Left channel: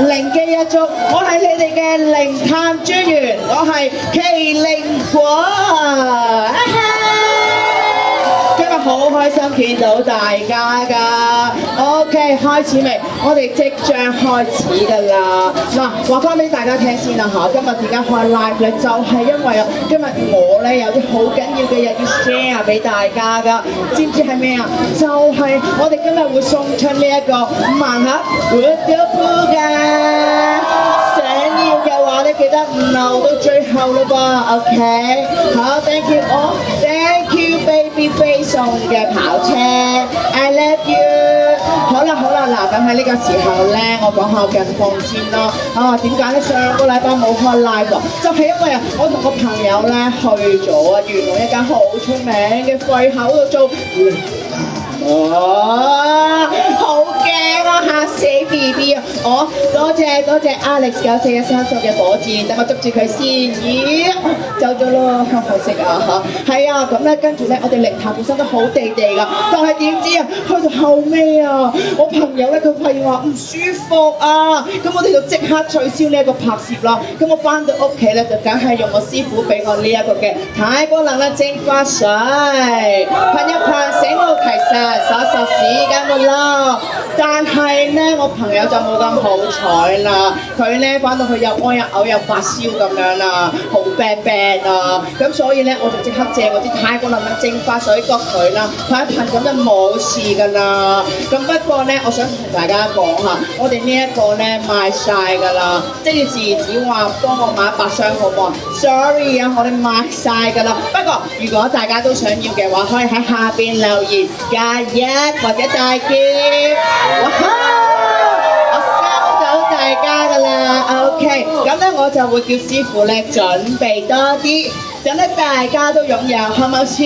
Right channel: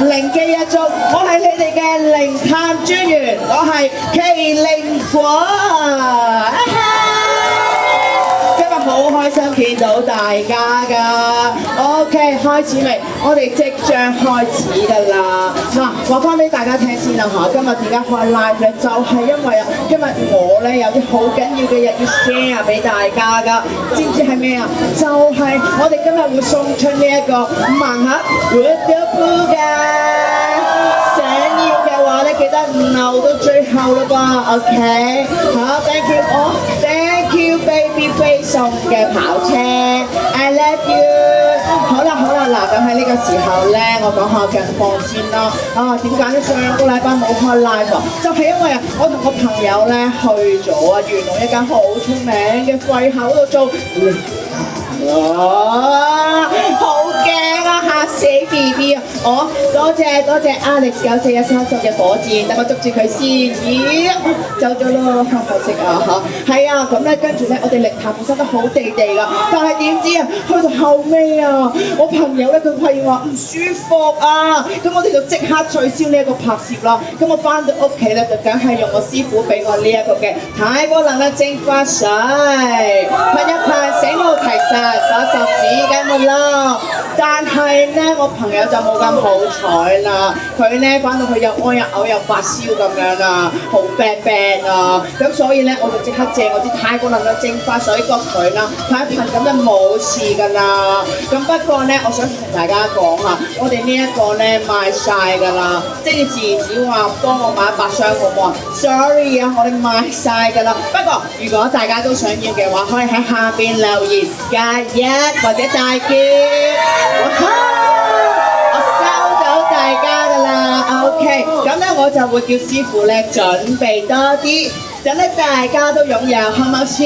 靈機一觸，我係你哋嘅靈探專員，我係麒麟果。今日好開心見到大家㗎。OK， 開始未？我哋即將開始㗎啦。嗱，話翻俾大家聽先啦嚇。今日點解開 live 咧？就係因為啊，今日我咧有啲好緊要嘅嘢要 share 俾大家㗎。知唔知係咩啊？就係我哋今日會送出呢一個盲盒 Woodoo 㗎。想要嘅話咧，記得留到最後咯噃。OK， 好 ，thank you all，thank you Babyface 送嘅跑車 ，I love you。好啦，嗱，咁喺呢個時候咧，我講下近況先啦。點解咧？上個禮拜冇開 live 喎，就係因為我同個朋友咧去咗元朗一間好出名嘅肺口度做。好驚啊！嚇死 BB 啊！多謝 Alex 9413送嘅火箭，等我捉住佢先。咦，走咗咯，可惜啊嚇。係啊，咁咧跟住咧，我哋靈探本身都好地地㗎，但係點知啊，去到後尾啊，我朋友咧佢發現話唔舒服啊，咁我哋就即刻取消呢一個拍攝啦。咁我翻到屋企咧，就梗係用我師傅俾我呢一個嘅太波能量淨化水，噴一噴醒目提神，索時間冇咯。但係咧，我朋友就冇咁好彩啦，佢咧翻到去又屙又嘔又發燒咁樣啦，好病啊！咁所以咧，我就即刻借我啲太過能量淨化水焗佢啦，噴一噴咁就冇事㗎啦。咁不過咧，我想同大家講下，我哋呢一個咧賣晒㗎啦，即係自只話幫我買100箱好唔好啊 ？Sorry 啊，我哋賣晒㗎啦。不過如果大家都想要嘅話，可以喺下邊留言加1或者大叫。我收到大家㗎啦 ，OK， 咁咧我就會叫師傅咧準備多啲，等咧大家都擁有，好唔好先？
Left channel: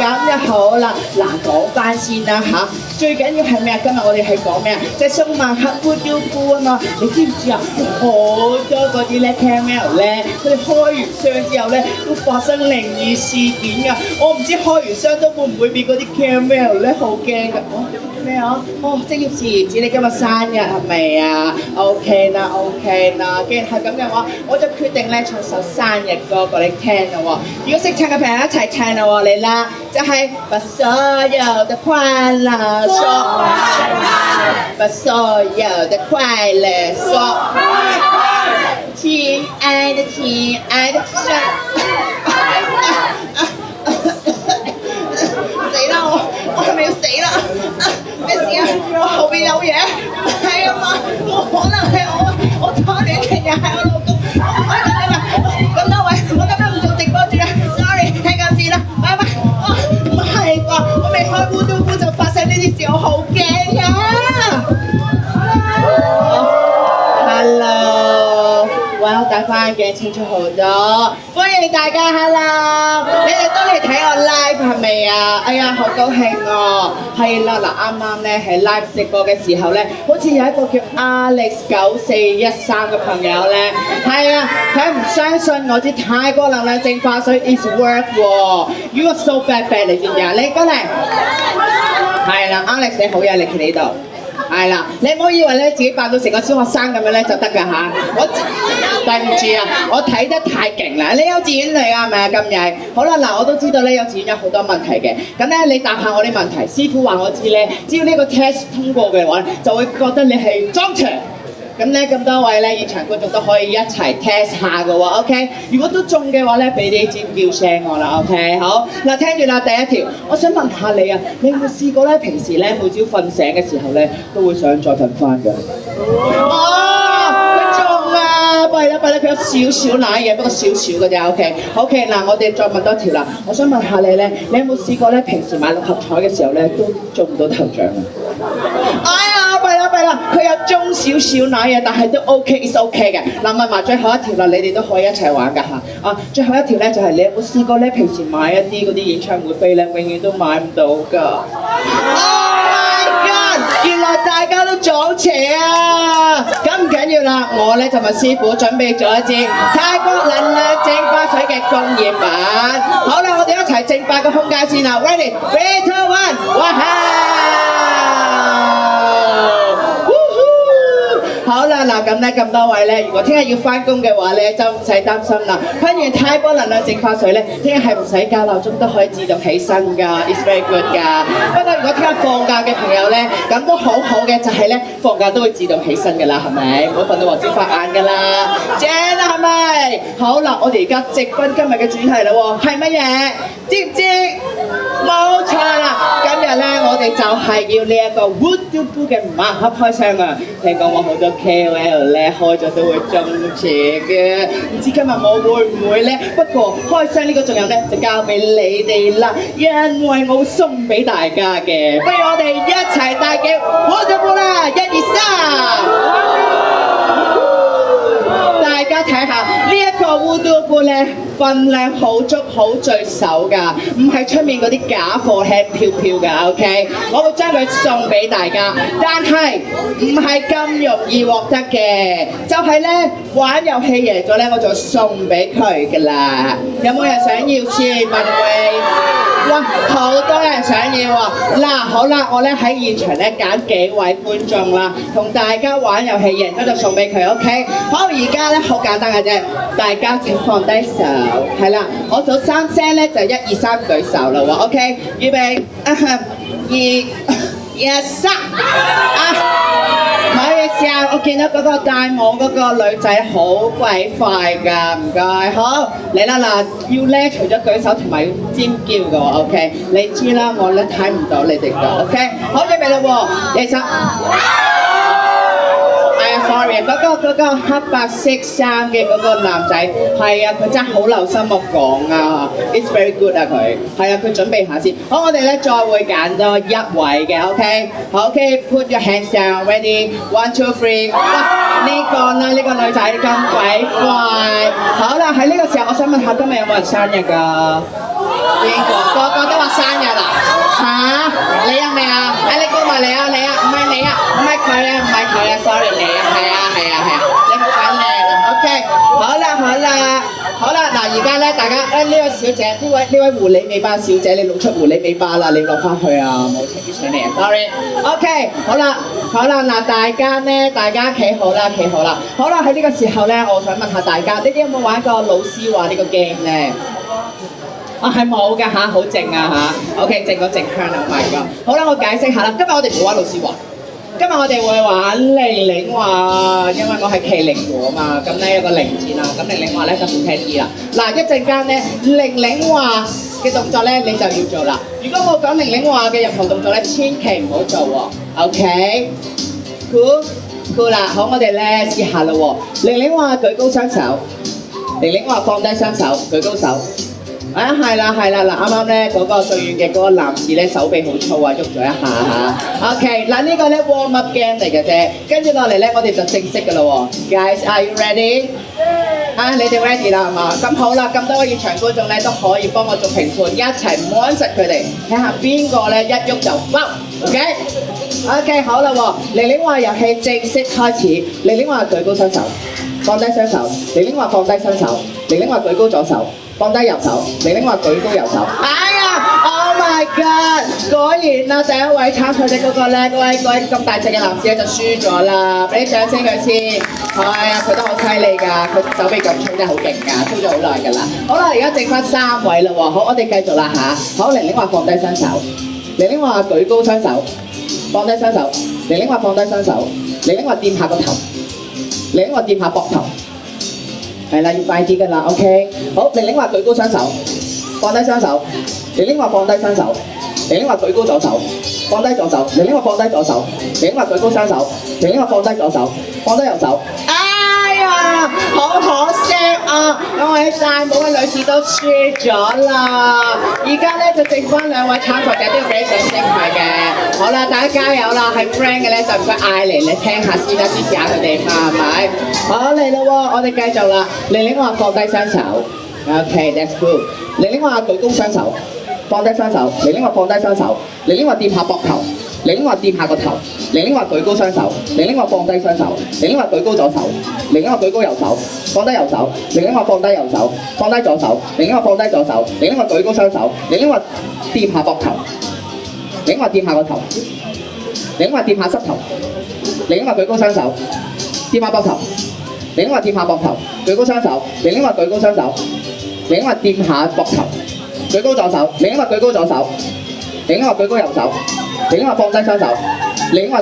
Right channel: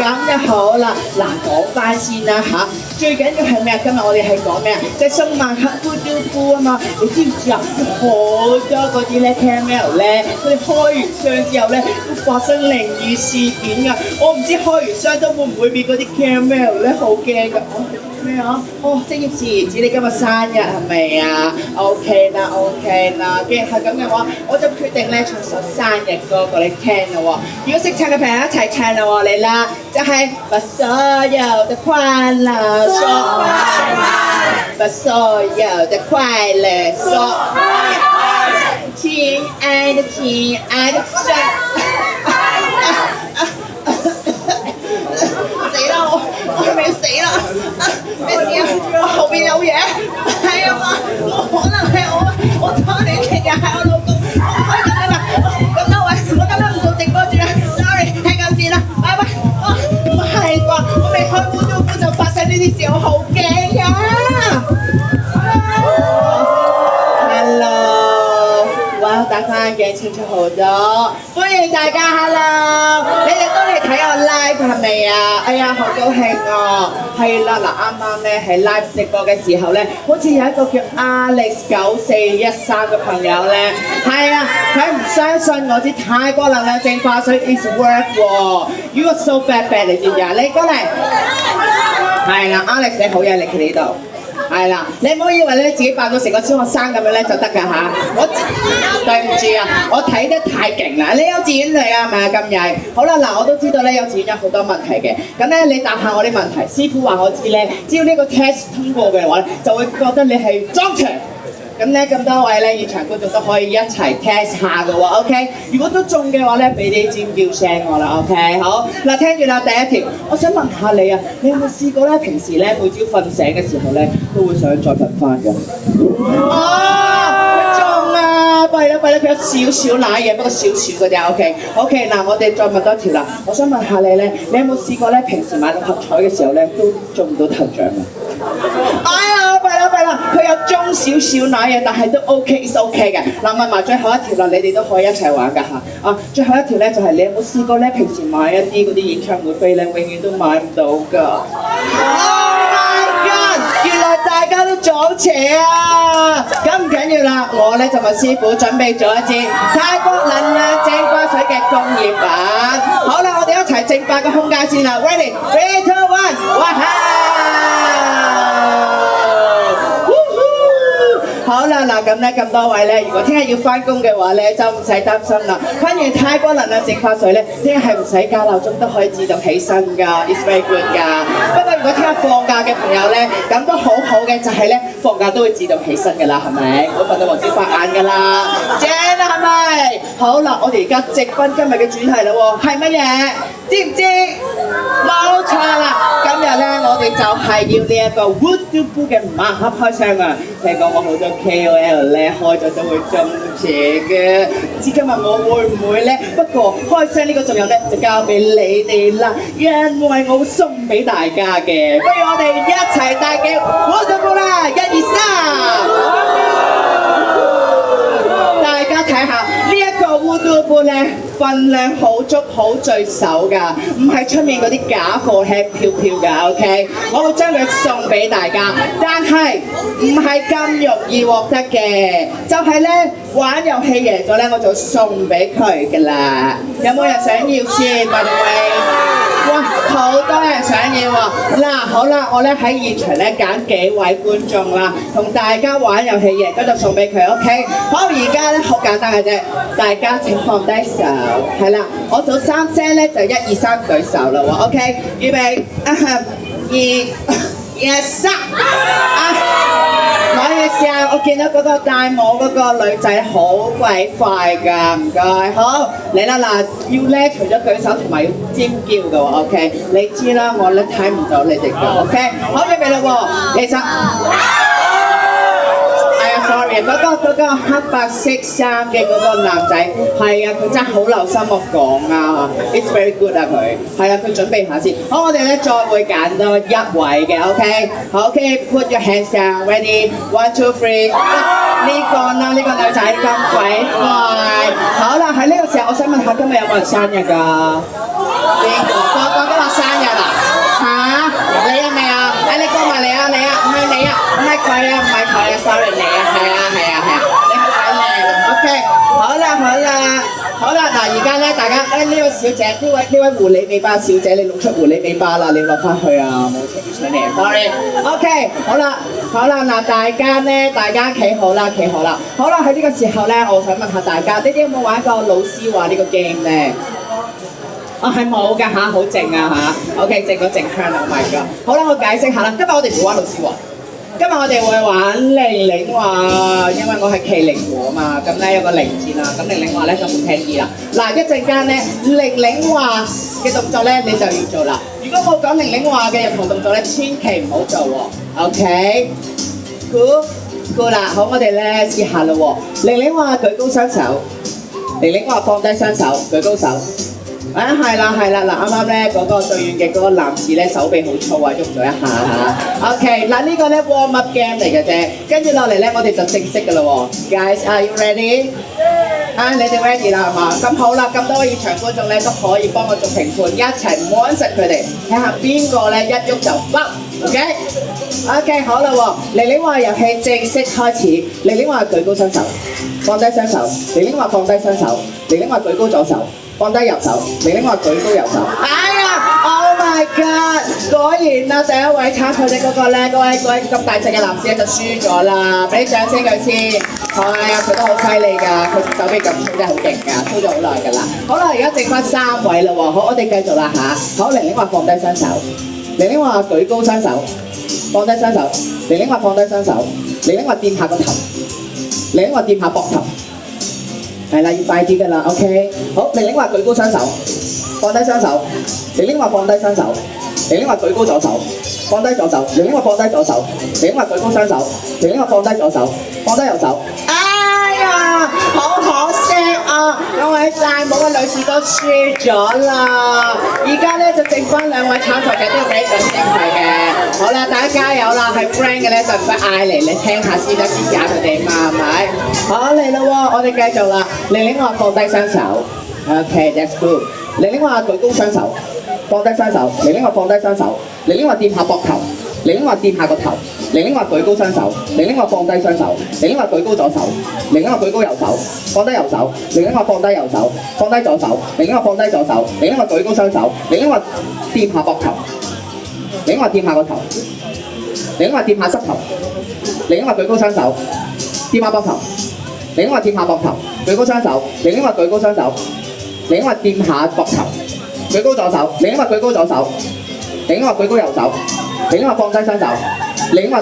咁就好啦，嗱講翻先啦嚇，最緊要係咩啊？今日我哋係講咩啊？即係送盲盒 Woodoo 啊嘛，你知唔知啊？好多嗰啲咧 camel 咧，佢哋開完箱之後咧，會發生靈異事件㗎。我唔知開完箱都會唔會變嗰啲 camel 咧，好驚㗎。咩啊？職業事業子，你今日生日係咪啊 ？OK 啦，既然係咁嘅話，我就決定咧唱首生日歌俾你聽啦喎。如果識唱嘅朋友一齊唱啦喎，嚟啦！就係把所有的快樂說，把所有的快樂說，親愛的神。死啦！我係咪要死啦？咩事啊？我後邊有嘢？係啊嘛，冇可能係我拖你情人係我老公。咁多位，我今日唔做直播住啦 ，sorry， 聽緊先啦，拜拜。唔係啩？我未開 Woodoo 就發生呢啲事，我好驚啊 ！Hello， 哇，戴翻眼鏡清楚好多，歡迎大家 Hello， 你哋都嚟睇我 live 係咪啊？哎呀，好高興哦！係啦，嗱啱啱咧喺 live 直播嘅時候咧，好似有一個叫 Alex 9413嘅朋友咧，係啊，佢唔相信我啲泰國能量淨化水 is work 喎。You are so bad 你知唔知啊？你過嚟，係啦 ，Alex 你好嘢，你企呢度。係啦，你唔好以為咧自己扮到成個小學生咁樣咧就得㗎嚇！對唔住啊，我睇得太勁啦！你幼稚園嚟啊，係咪啊？今日好啦，嗱我都知道咧幼稚園有好多問題嘅，咁咧你答下我啲問題，師傅話我知咧，只要呢個 test 通過嘅話咧，就會覺得你係裝場。咁咧咁多位咧現場觀眾都可以一齊 test 下嘅喎 ，OK？ 如果都中嘅話咧，俾啲尖叫聲我啦 ，OK？ 好，嗱聽住啦，第一條，我想問下你啊，你有冇試過咧？平時咧每朝瞓醒嘅時候咧，都會想再瞓翻㗎？佢中啦，弊啦，佢有少少奶嘢，不過少少嘅啫 ，OK？ 嗱我哋再問多條啦，我想問下你咧，你有冇試過咧？平時買六合彩嘅時候咧，都中唔到頭獎啊？哎呀，弊啦，佢有中少少奶嘢，但係都 OK，is OK 嘅。嗱問埋最後一條啦，你哋都可以一齊玩㗎嚇。啊，最後一條咧就係你有冇試過咧？平時買一啲嗰啲演唱會飛咧，永遠都買唔到㗎。Oh my god！ 原來大家都撞邪啊！咁唔緊要啦，我咧就問師傅準備咗一支泰國能量淨化水嘅工業版。好啦，我哋一齊淨化個空間先啦。Ready？ 3, 2, 1，哇哈！咧咁多位咧，如果聽日要翻工嘅話咧，就唔使擔心啦。噴完太波能量淨化水咧，聽日係唔使校鬧鐘都可以自動起身㗎 ，it's very good 㗎。不過如果聽日放假嘅朋友咧，咁都好好嘅，就係咧放假都會自動起身㗎啦，係咪？唔好瞓到黃朝發眼㗎啦，正啦係咪？好啦，我哋而家直奔今日嘅主題啦喎，係乜嘢？知唔知？冇錯啦，今日咧我哋就係要呢一個 Voodoo Boo 嘅盲盒開箱啊！聽講我好多 KOL 咧開咗都會中邪嘅，唔知今日我會唔會咧？不過開箱呢個仲有咧，就交俾你哋啦，因為我送俾大家嘅，不如我哋一齊大叫 Voodoo Boo 啦！一二三，大家睇下呢一個 Voodoo Boo 咧。份量好足好聚手㗎，唔係出面嗰啲假貨輕飄飄㗎 ，OK？ 我會將佢送俾大家，但係唔係咁容易獲得嘅，就係咧玩遊戲贏咗咧，我就送俾佢㗎啦。有冇人想要先？麥德威？哇，好多人想要啊！嗱，好啦，我咧喺現場咧揀幾位觀眾啦，同大家玩遊戲贏咗就送俾佢 ，OK？ 好，而家咧好簡單嘅啫，大家請放低手。係啦，我數3聲咧就1、2、3舉手啦喎 ，OK， 預備，2、1、3，可以試下，我見到嗰個戴帽嗰個女仔好鬼快㗎，唔該，好嚟啦嗱，要咧除咗舉手同埋要尖叫㗎喎 ，OK， 你知啦，我咧睇唔到你哋㗎 ，OK， 好預備啦喎，其實。sorry， 嗰個黑白色衫嘅嗰個男仔，係啊，佢真係好留心我講啊 ，it's very good 啊佢，係啊，佢準備下先。好，我哋咧再會揀多一位嘅 ，OK， 好 ，OK，put your hands down，ready， 1、2、3， 呢個啦，呢個女仔咁鬼快，好啦，喺呢個時候，我想問下今日有冇人生日㗎？個個都話生日啊？嚇？你有未啊？你過埋嚟啊！你啊，唔係你啊，唔係佢啊，唔係佢啊 ，sorry 你啊，係啊，你好鬼靚啊 ，OK， 好啦，嗱而家咧，大家呢位小姐，呢位狐狸尾巴小姐，你露出狐狸尾巴啦，你落翻去啊，冇請上嚟 ，sorry，OK， 好啦，嗱大家企好啦，好啦，喺呢個時候咧，我想問下大家，你哋有冇玩過老師話呢個 game 咧？係冇㗎嚇，好靜啊嚇 ，OK， 靜個靜香啊，唔係㗎。好啦，我解釋下啦，今日我哋唔玩老師話，今日我哋會玩玲玲話，因為我係麒麟湖啊嘛，咁咧有個零字啦，咁玲玲話咧就好聽啲啦。嗱，一陣間咧玲玲話嘅動作咧你就要做啦。如果冇講玲玲話嘅任何動作咧，千祈唔好做喎 ，OK？Cool 啦，好，我哋咧試下啦喎。玲玲話舉高雙手，玲玲話放低雙手，舉高手。係啦，嗱啱啱咧嗰個對面嘅嗰個男士咧手臂好粗啊，喐咗一下嚇。OK， 嗱呢個咧 warm up game 嚟嘅啫，跟住落嚟咧我哋就正式㗎啦喎。Guys, are you ready？ 你哋 ready 啦係嘛？咁好啦，咁多個現場觀眾咧都可以幫我做評判，一齊摸實佢哋，睇下邊個咧一喐就爆。OK， 好啦喎，玲玲話遊戲正式開始。玲玲話舉高雙手，放低雙手。玲玲話放低雙手。玲玲話舉高左手。放低右手，玲玲話舉高右手。哎呀 ，Oh my God！ 果然啦，第一位參賽者嗰個咧，嗰位咁大隻嘅男士咧就輸咗啦，俾啲掌聲佢先。係啊，佢都好犀利㗎，佢手臂咁粗真係好勁㗎，操咗好耐㗎啦。好啦，而家剩翻3位啦喎，好，我哋繼續啦嚇。好，玲玲話放低雙手，玲玲話舉高雙手，放低雙手，玲玲話放低雙手，玲玲話掂下個頭，玲玲話掂下膊頭。係啦，要快啲㗎啦 ，OK。好，玲玲話舉高雙手，放低雙手。玲玲話放低雙手。玲玲話舉高左手，放低左手。玲玲話放低左手。玲玲話舉高雙手。玲玲話放低左手，放低右手。哎呀，好可惜啊！兩位戴帽嘅女士都輸咗啦。而家咧就剩翻2位參賽者都要俾掌聲佢嘅。好啦，大家加油啦！係 friend 嘅咧就唔該嗌嚟，你聽下先啦，支持下佢哋嘛，係咪？好嚟啦喎，我哋繼續啦。玲玲話放低雙手 ，OK，that's good。玲玲話舉高雙手，放低雙手。玲玲話放低雙手。玲玲話掂下膊頭。玲玲話掂下個頭。玲玲話舉高雙手。玲玲話放低雙手。玲玲話舉高左手。玲玲話舉高右手，放低右手。玲玲話放低右手，放低左手。玲玲話放低左手。玲玲話舉高雙手。玲玲話掂下膊頭。玲玲話掂下個頭。玲玲話掂下膝頭。玲玲話舉高雙手。掂下膊頭，另一個掂下膊頭，舉高雙手，另一個舉高雙手，另一個掂下膊頭，舉高左手，另一個舉高左手，另一個舉高右手，另一個放低雙手，另一個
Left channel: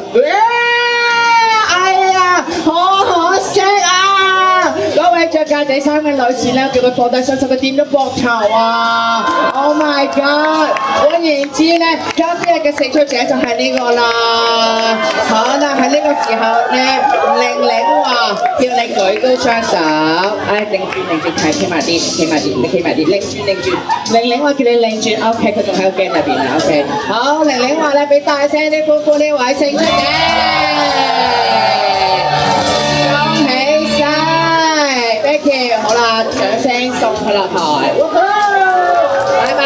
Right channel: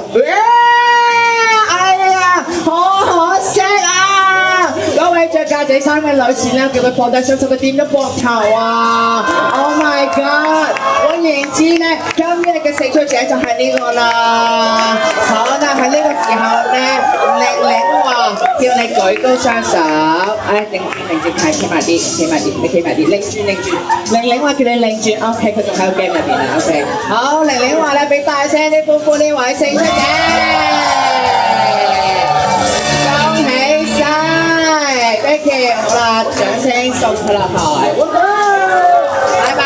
哎呀，好可惜啊！嗰位着格仔衫嘅女士咧，叫佢放低雙手，佢掂咗膊頭啊 ！Oh my god！ 換言之咧，今日嘅勝出者就係呢個啦。可能喺呢個時候咧，玲玲話叫你舉高雙手，擰住企埋啲，你企埋啲，擰轉。玲玲話叫你擰轉 ，OK， 佢仲喺個 game 入邊啊 ，OK。好，玲玲話咧，俾大聲啲歡呼呢位勝出者。Thank you， 好啦，掌聲送佢落台，拜拜。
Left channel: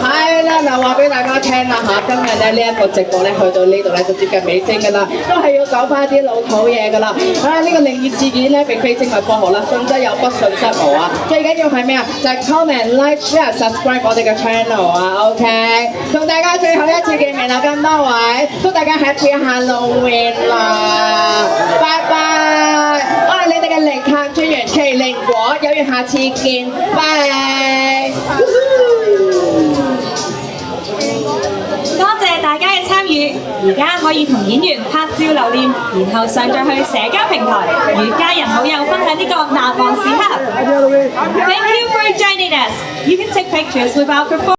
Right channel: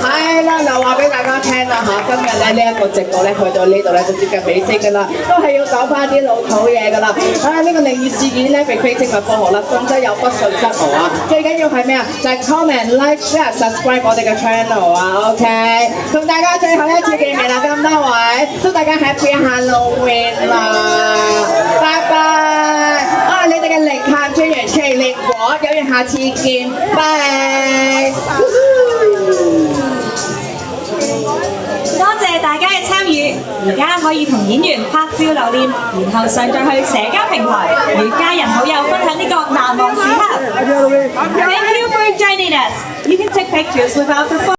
係啦，嗱話俾大家聽啦嚇，今日咧呢一個直播咧去到呢度咧就接近尾聲㗎啦，都係要講翻啲老土嘢㗎啦。呢個靈異事件咧並非精密科學啦，信則有，不信則無啊。最緊要係咩啊？就係 comment、like、share、subscribe 我哋嘅 channel 啊 ，OK。同大家最後一次見面啦，咁多位，祝大家 Happy Halloween 啦，拜拜。你哋嘅零探專員麒麟果，有緣下次見，拜。多謝大家嘅參與，而家可以同演員拍照留念，然後上載去社交平台，與家人好友分享呢個難忘時刻。Thank you for joining us. You can take pictures without the